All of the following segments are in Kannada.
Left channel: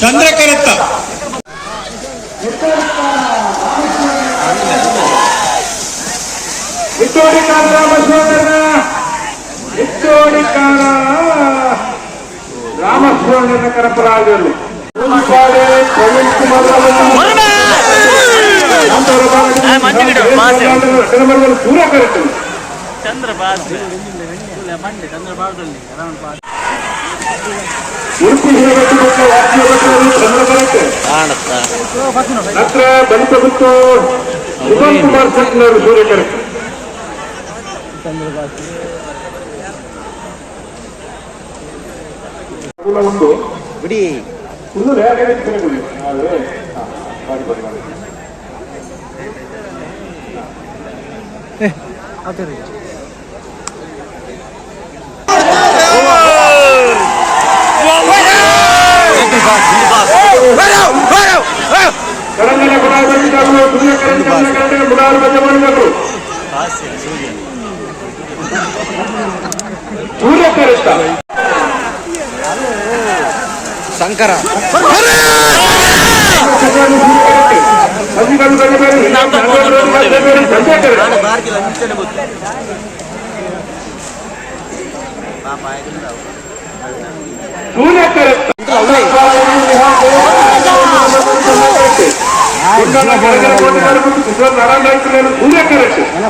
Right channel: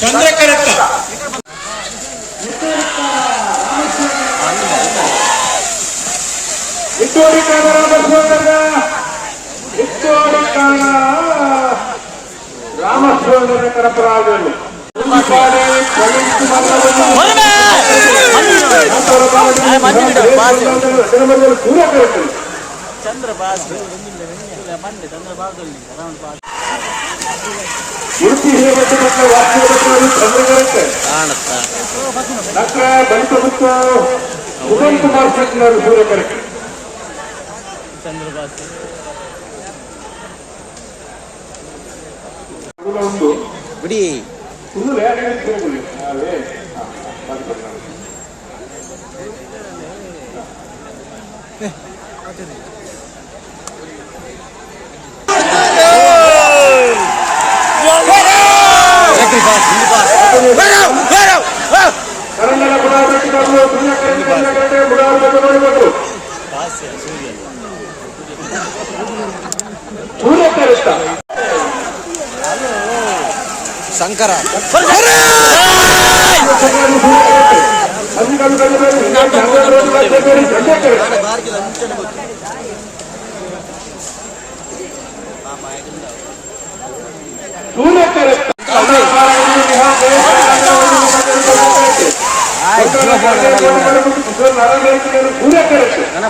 ಚಂದ್ರಕರತ್ತ ರಾಮಸ್ವಾಮಿ ಕರಪರಾಜರು ಪೂರ ಕರೆಕ್ಟ್ ಉಡುಪಿ ದಲಿತ ಗುತ್ತು ಸುಮನ್ ಕುಮಾರ್ ಶೆಟ್ಟಿನವರು ಸೂರ್ಯ ಕರೆಕ್ಟ್ ಉಂಟು ಬಿಡಿ ಶಂಕರ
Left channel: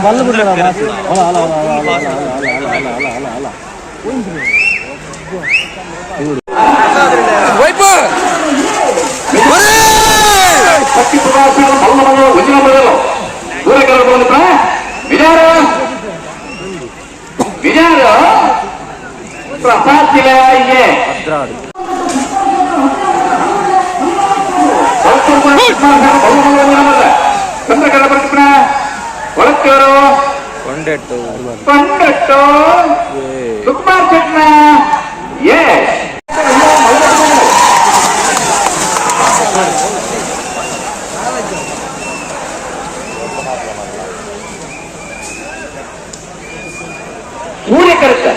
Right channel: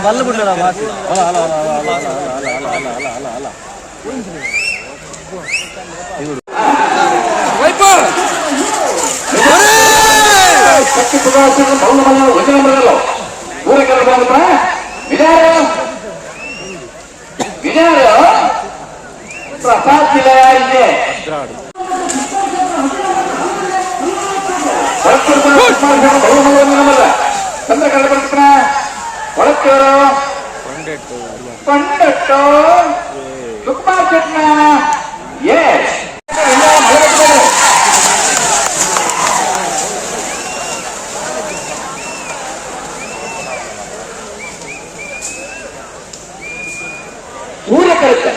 ಬಲ್ಲ ಬಿಡ್ರ ಪ್ರಸಾದ್ ಇದೆ ಒಳಕ್ಕರು ಕೊಂಡೆಟ್ಟು ಪಂಡಟ್ಟು ಸುಕುಮಾರ್ ಚಟ್ನ ಸೂರ್ಯ ಕರೆಕ್ಟ್